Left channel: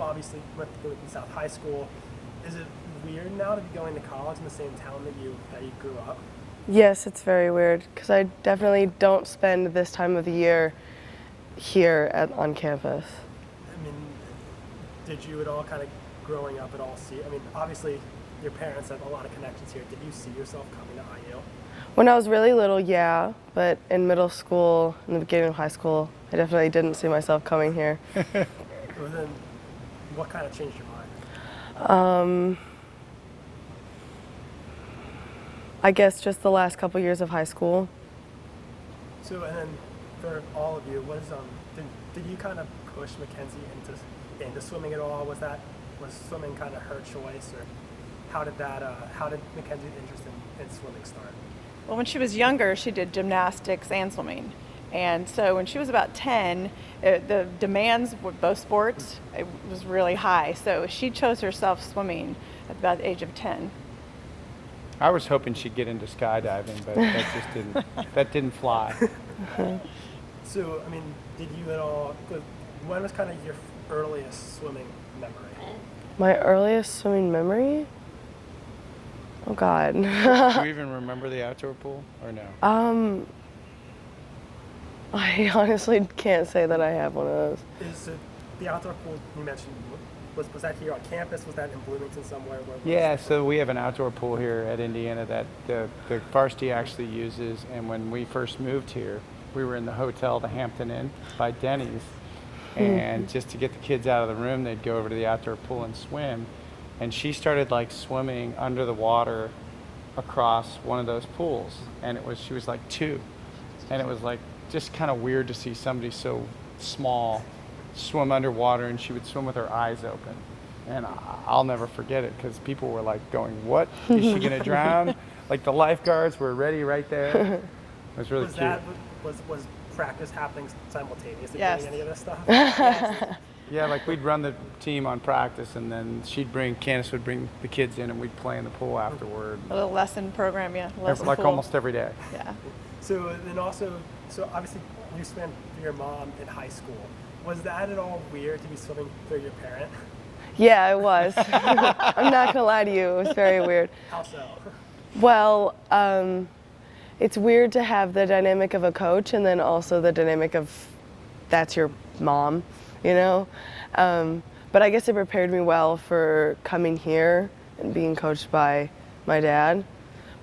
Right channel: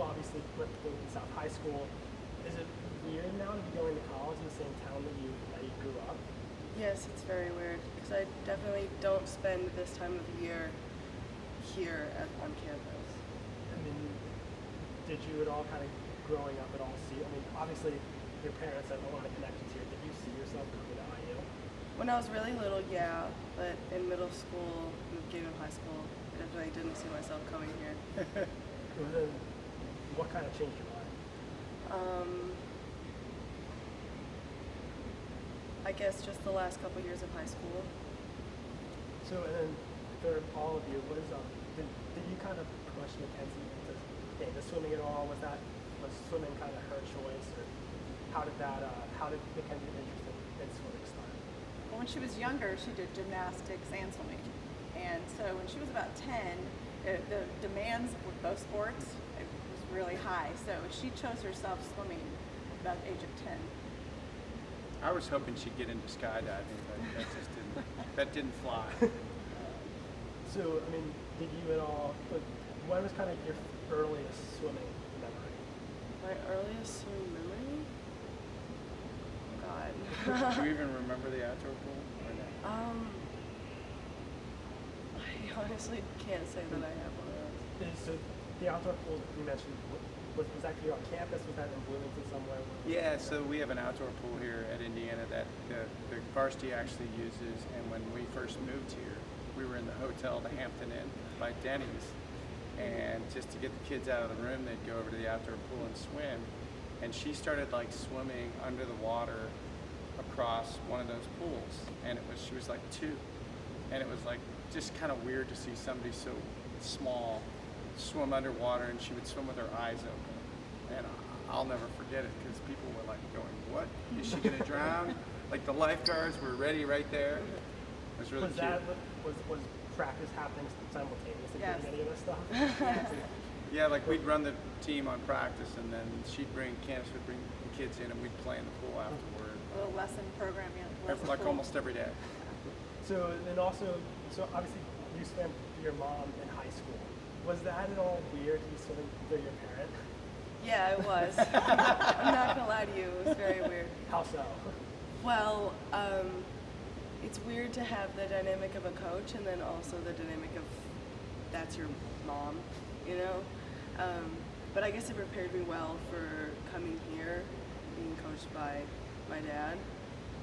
obviously went to South High School. Is it weird now to be going to college in the same town that you grew up? Yes, it's very weird because I definitely don't spend this time of the year here on campus. I mean, did you at all kind of growing up at all see? I mean, obviously your parents have a lot of connections here. Did you see yourself coming to IU? When I was really little, yeah, but in middle school, in the beginning of high school, I definitely didn't see myself coming here. Well, then, what kind of changed your mind? I guess just the last couple years of high school. So, and then for all of you, did you kind of push Mackenzie into swimming at all? Was swimming kind of her choice, or how did Mackenzie's interest in swimming start? Well, when she was younger, she did gymnastics and swimming. And so when she was about 10, the demands with both sports, it was really high. So she chose herself swimming at about the age of 10. I was hoping she'd get into skydiving, but that didn't fly. So, I mean, did you at all, when was kind of your earliest swimming memory? My earliest swimming memory? Oh God. Do you even remember the outdoor pool or no? I honestly can't say that I have one of those. Is the outdoor pool you mentioned, was that here on campus? Was that in Bloomington somewhere? Yeah, so we have an outdoor pool here at Indiana that the varsity actually uses, and when we first moved here, we were in the hotel, the Hampton Inn by Denny's, and just to get the kids out of the room, they'd go over to the outdoor pool and swim, and she started like swimming under the water across one of those pools, and she was like 2, and it was like just kind of weird to see somebody so small swim underwater, and she would swim with her eyes open, and I'll never forget it because people were like going, "What, is she gonna drown?" Like the lifeguards were ready right there. It was really cute. Was practice happening simultaneously? Yes. Doing any of this stuff? Yeah, like we'd run the team on practice, and then Candace would bring the kids in, and we'd play in the pool afterward. A little lesson program, yeah. Like pool. almost every day. Yeah. So then also, obviously you swam for your mom in high school. Was that at all weird to be swimming through your parent? Yeah, it was. I'm not gonna lie to you, it was very weird. How so? Well, it's weird to have the dynamic of a coach and then also the dynamic of that's your mom, you know? But I guess it prepared me well for coming here and being coached by my dad.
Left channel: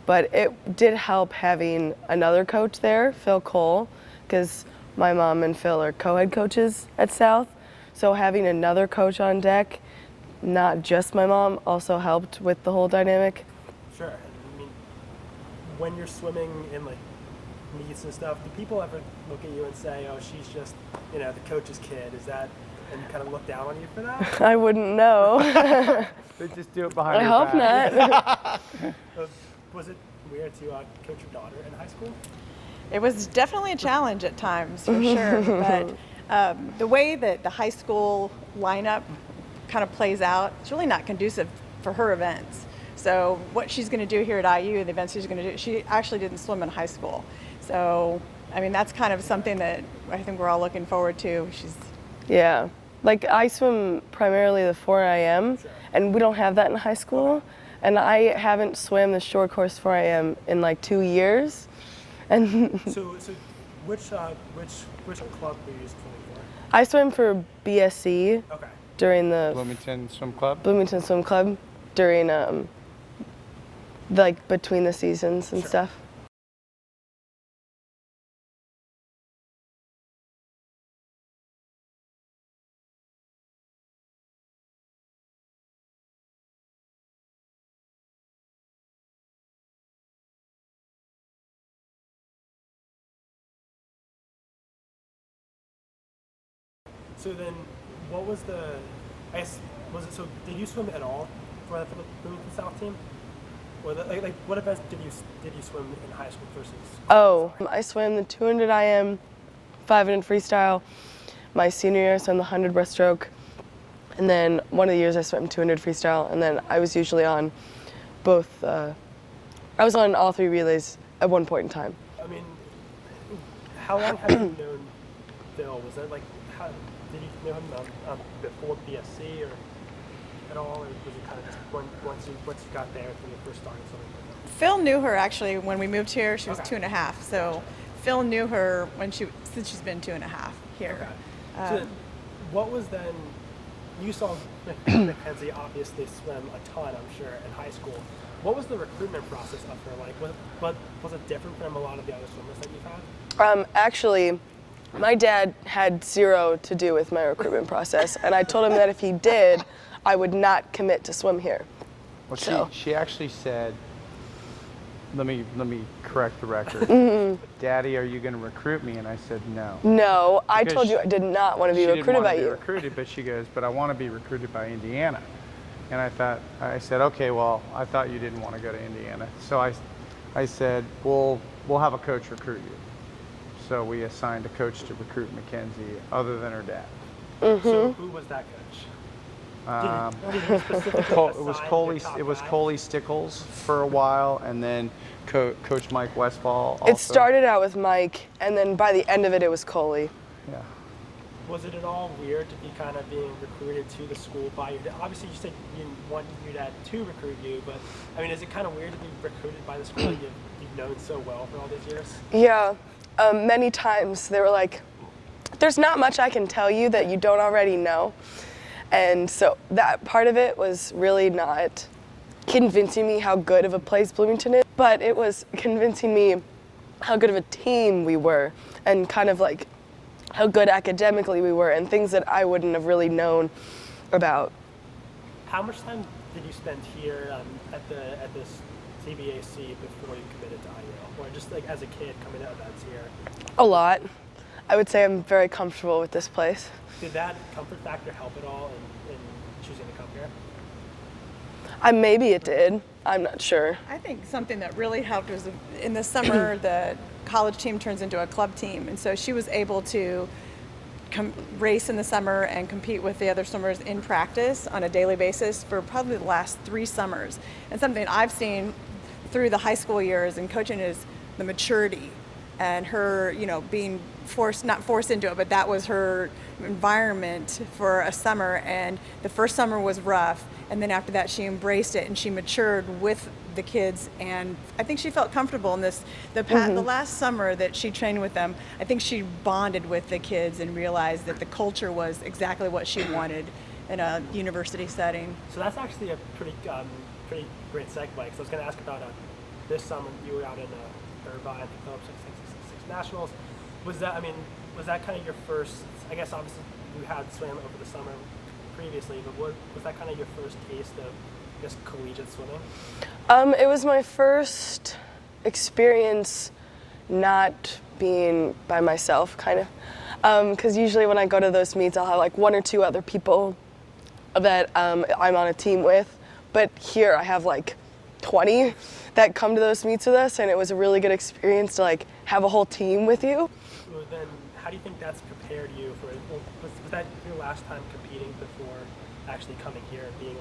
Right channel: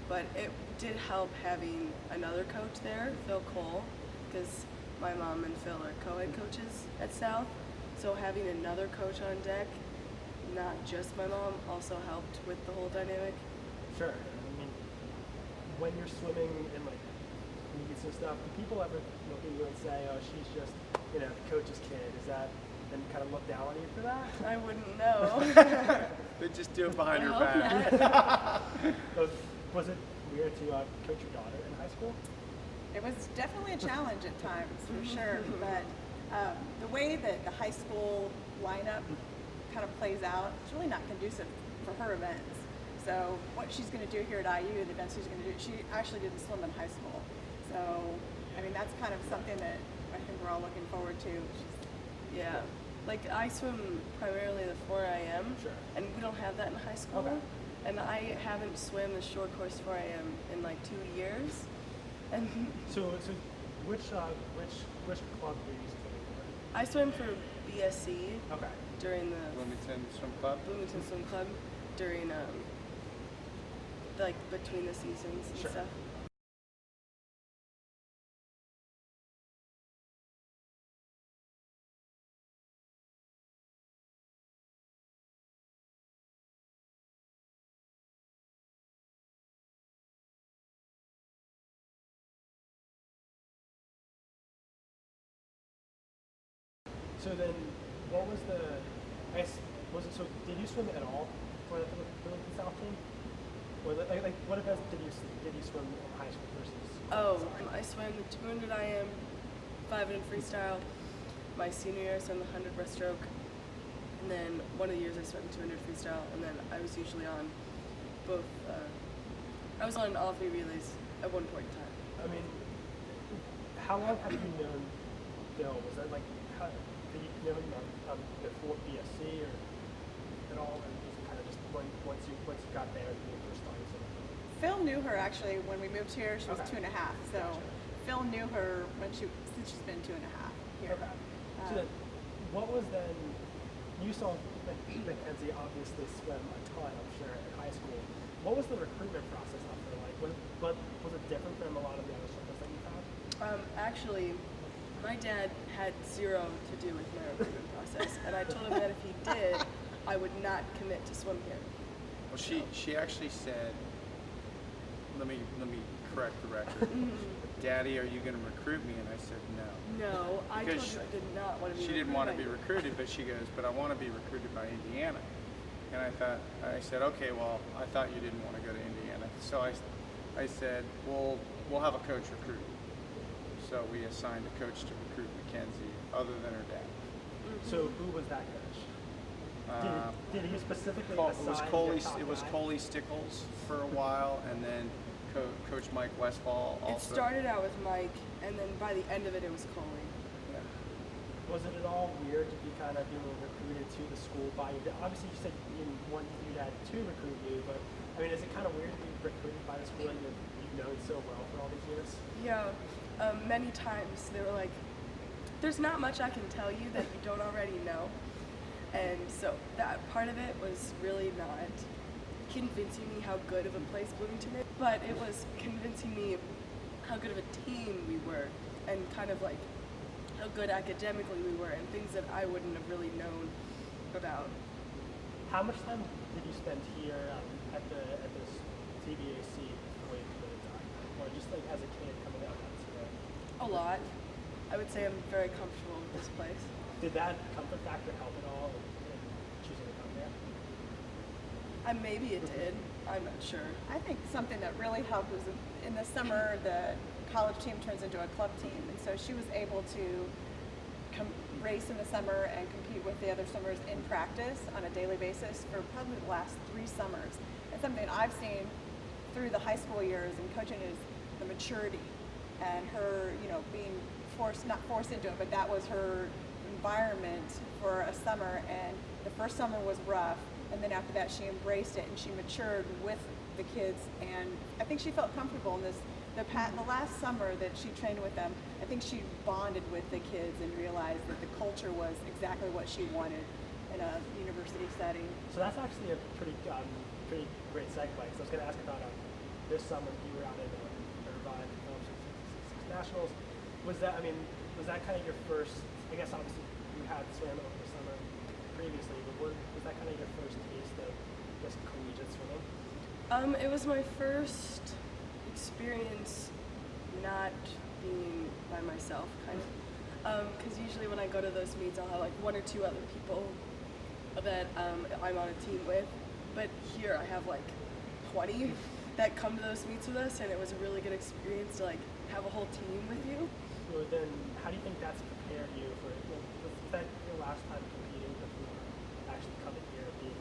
But it did help having another coach there, Phil Cole, because my mom and Phil are co-head coaches at South. So having another coach on deck, not just my mom, also helped with the whole dynamic. Sure. I mean, when you're swimming in like meets and stuff, do people ever look at you and say, "Oh, she's just, the coach's kid"? Is that, and you kind of look down on you for that? I wouldn't know. They just do it behind I your hope back. not. Was it weird to coach your daughter in high school? It was definitely a challenge at times, for sure. But the way that the high school lineup kind of plays out, it's really not conducive for her events. So what she's going to do here at IU, the events she's going to do, she actually didn't swim in high school. So, I mean, that's kind of something that I think we're all looking forward to. Yeah. Like, I swim primarily the 4 IM, and we don't have that in high school. And I haven't swam the short course 4 IM in like 2 years. And so which club were you swimming for? I swam for BSC during the Bloomington Swim Club. Bloomington Swim Club during like between the seasons and stuff. So then, what was did you swim at all for the Bloomington South team? Or what events did you swim in high school versus? Oh, I swam the 200 IM, 500 freestyle. My senior year I swam the 100 breaststroke. And then one of the years I swam 200 freestyle, and then I was usually on both, I was on all 3 relays at one point in time. I mean, how long have you known Phil? Was that like, knew him before BSC or at all, or was it kind of just once you got there when you first started something like that? Phil knew her actually when we moved here. She was Okay. 2.5, so Phil knew her since she's been 2.5 here. Okay. So then, what was then? You saw Mackenzie obviously swim a ton, I'm sure, in high school. What was the recruitment process up there like? Was it different from a lot of the other swimmers that you've had? Actually, my dad had zero to do with my recruitment process, and I told him that if he did, I would not commit to swim here. Well, So- she actually said, let me correct the record. Daddy, are you going to recruit me? And I said no. No, I Because told you I did not want to be She didn't recruited want by to be you. recruited, but she goes, but I want to be recruited by Indiana. And I said, okay, well, I thought you didn't want to go to Indiana. So I said, we'll have a coach recruit you. So we assigned a coach to recruit Mackenzie other than her dad. So who was that coach? Did he specifically It was Coley Stickles for a while, and then Coach Mike Westfall. It started out with Mike, and then by the end of it, it was Coley. Yeah. Was it at all weird to be kind of being recruited to the school by your dad? Obviously, you said you didn't want your dad to recruit you, but I mean, is it kind of weird to be recruited by the school that you've known so well for all these years? Yeah, many times they were like, there's not much I can tell you that you don't already know. And so that part of it was really not convincing me how good of a place Bloomington is, but it was convincing me how good of a team we were and kind of like how good academically we were and things that I wouldn't have really known about. How much time did you spend here at this CBAC before you committed to IU, or just like as a kid coming to events here? A lot. I would say I'm very comfortable with this place. Did that comfort factor help at all in choosing to come here? Maybe it did. I'm not sure. I think something that really helped was in the summer the college team turns into a club team, and so she was able to race in the summer and compete with the other swimmers in practice on a daily basis for probably the last 3 summers. And something I've seen through the high school years and coaching is the maturity and her, being not forced into it, but that was her environment for a summer. And the first summer was rough, and then after that she embraced it and she matured with the kids, and I think she felt comfortable in this. The last summer that she trained with them, I think she bonded with the kids and realized that the culture was exactly what she wanted in a university setting. So that's actually a pretty great segue. So I was going to ask about this summer you were out in Irvine, Phillips 666 Nationals. Was that kind of your first? I guess obviously you had swam over the summer previously, but was that kind of your first taste of just collegiate swimming? It was my first experience not being by myself, kind of. Because usually when I go to those meets, I'll have like 1 or 2 other people that I'm on a team with. But here I have like 20 that come to those meets with us, and it was a really good experience to like have a whole team with you. So then, how do you think that's prepared you for? Well, was that your last time competing before actually coming here and being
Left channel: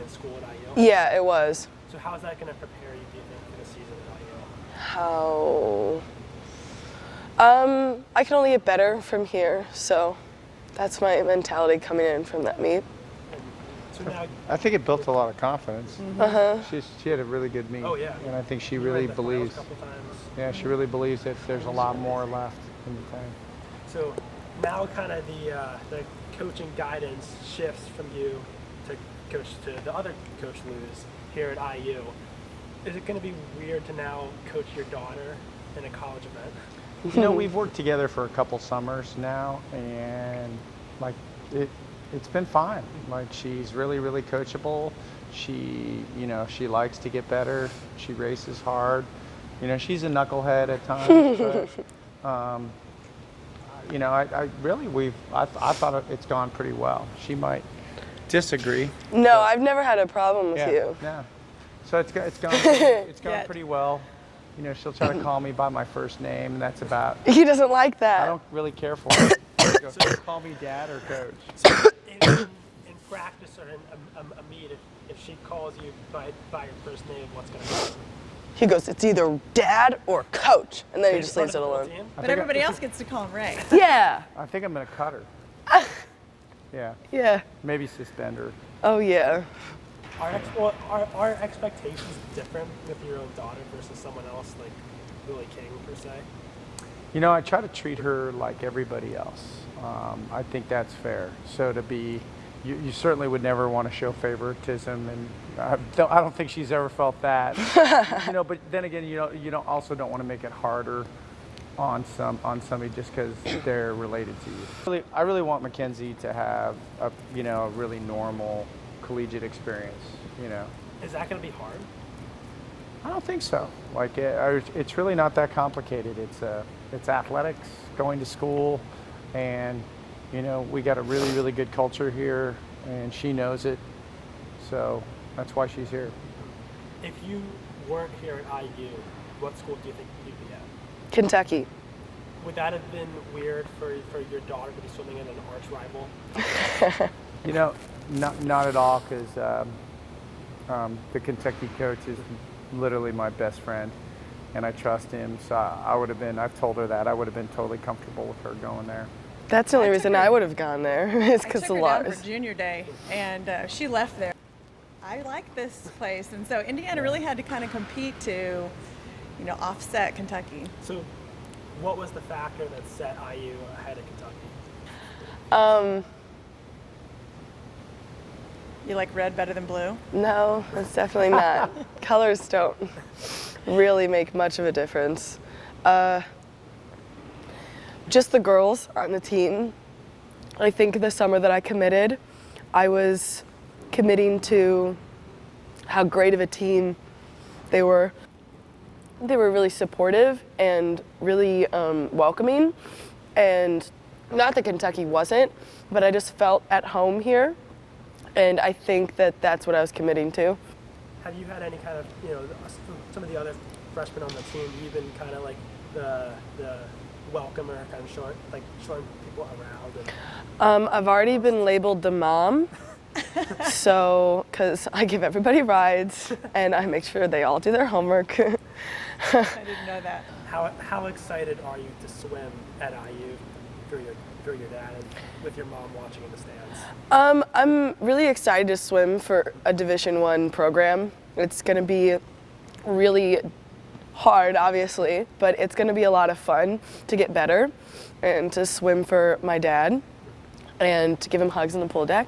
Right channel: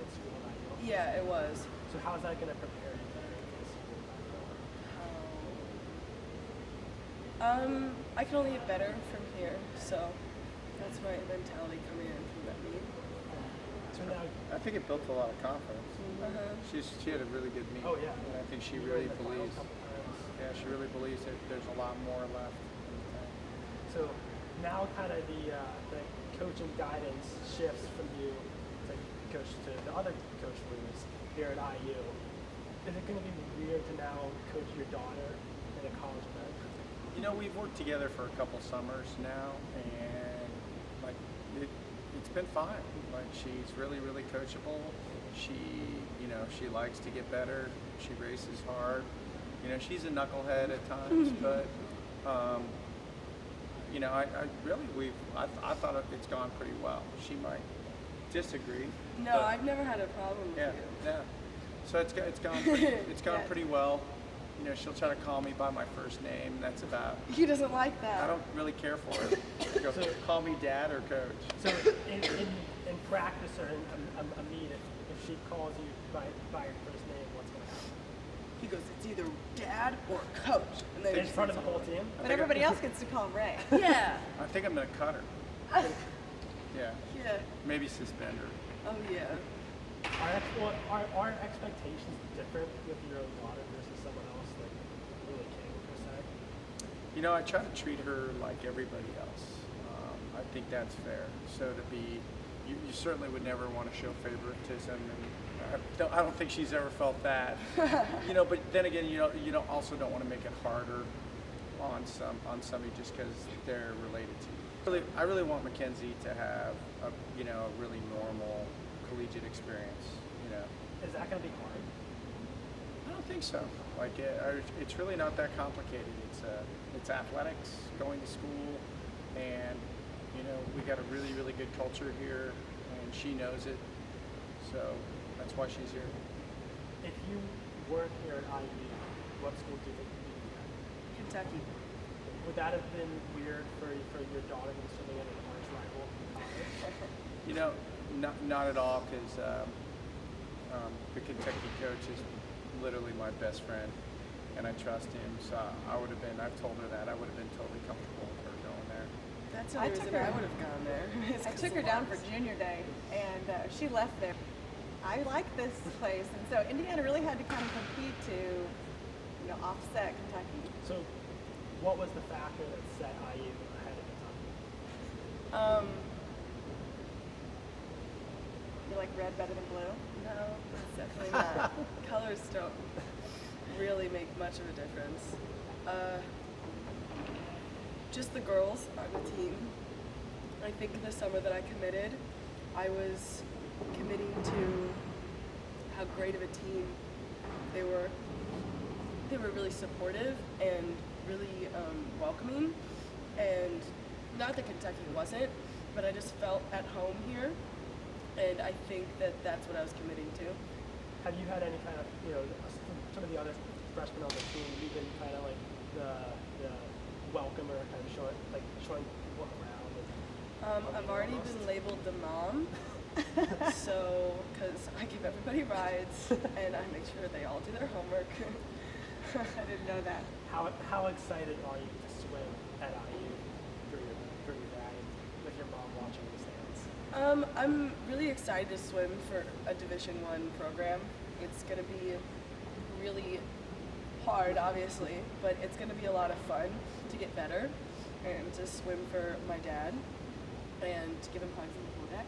in school at IU? Yeah, it was. So how is that going to prepare you, do you think, for the season at IU? How? I can only get better from here, so that's my mentality coming in from that meet. So now, I think it built a lot of confidence. She had a really good meet. Oh, yeah. And I think she you really made the finals believes. a couple times. Yeah, she really believes that there's a lot more left in the tank. So now, kind of the coaching guidance shifts from you to the other coach Looze here at IU. Is it going to be weird to now coach your daughter in a college event? We've worked together for a couple summers now, and like it's been fine. Like she's really, really coachable. She likes to get better. She races hard. She's a knucklehead at times, but I thought it's gone pretty well. She might disagree. No, I've never had a problem with you. Yeah. So it's gone Yeah. pretty well. She'll try to call me by my first name, and that's about. He doesn't like that. I don't really care for it. So call me dad or coach. So in practice or in a meet, if she calls you by your first name, what's going to happen? He goes, it's either dad or coach, and then he In just front leaves it of the whole alone. team? But everybody else gets to call him Ray. Yeah. I think I'm gonna cut her. Yeah. Yeah. Maybe suspend her. Oh yeah. Are expectations different with your own daughter versus someone else, like Lily King per se? You know, I try to treat her like everybody else. I think that's fair. So to be, you certainly would never want to show favoritism, and I don't think she's ever felt that. You know, but then again, you don't also don't want to make it harder on somebody just because they're related to you. I really want Mackenzie to have a really normal collegiate experience. You know. Is that going to be hard? I don't think so. Like it's really not that complicated. It's athletics, going to school, and we got a really, really good culture here, and she knows it. So that's why she's here. If you weren't here at IU, what school do you think you'd be at? Kentucky. Would that have been weird for your daughter to be swimming in an arch rival? Not at all, because the Kentucky coach is literally my best friend, and I trust him. So I've told her that I would have been totally comfortable with her going there. That's the only reason I would have gone there. Is I because took the her down laws. for junior day, and she left there. I like this place, and so Indiana really had to kind of compete to, offset Kentucky. So, what was the factor that set IU ahead of Kentucky? You like red better than blue? No, that's definitely not. Colors don't really make much of a difference. Just the girls on the team. I think the summer that I committed, I was committing to how great of a team they were. They were really supportive and really welcoming. And not that Kentucky wasn't, but I just felt at home here. And I think that that's what I was committing to. Have you had any kind of, some of the other freshmen on the team, you've been kind of like the welcomer, kind of showing people around? I've already been labeled the mom, so, because I give everybody rides and I make sure they all do their homework. I didn't know that. How excited are you to swim at IU through your dad and with your mom watching in the stands? I'm really excited to swim for a Division I program. It's going to be really hard, obviously, but it's going to be a lot of fun to get better and to swim for my dad and to give him hugs on the pool deck.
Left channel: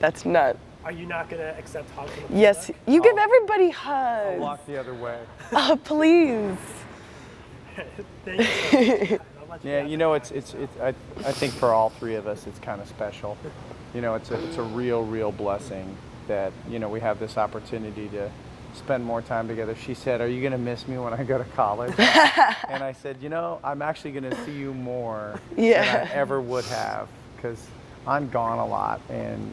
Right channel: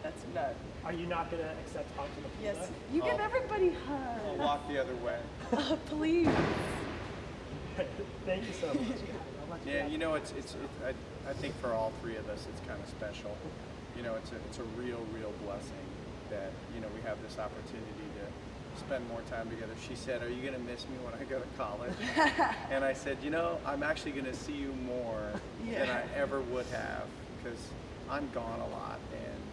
That's not. Are you not going to accept hugs on the pool Yes, deck? you give everybody I'll hugs. walk the other way. Oh, please. Thank you so much. I'll let you Yeah, have I think for all three of us, it's kind of special. It's a real blessing that, we have this opportunity to spend more time together. She said, "Are you going to miss me when I go to college?" And I said, I'm actually going to see you more than I ever would have, because I'm gone a lot, and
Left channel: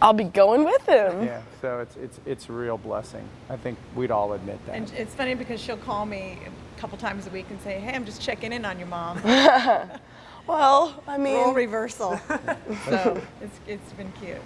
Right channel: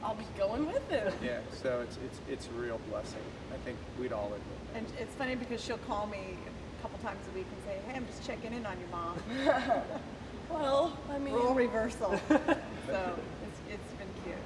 I'll be going with him. yeah. So it's a real blessing. I think we'd all admit that. And it's funny because she'll call me a couple times a week and say, "Hey, I'm just checking in on your mom." Well, I mean, Role reversal. So it's been cute.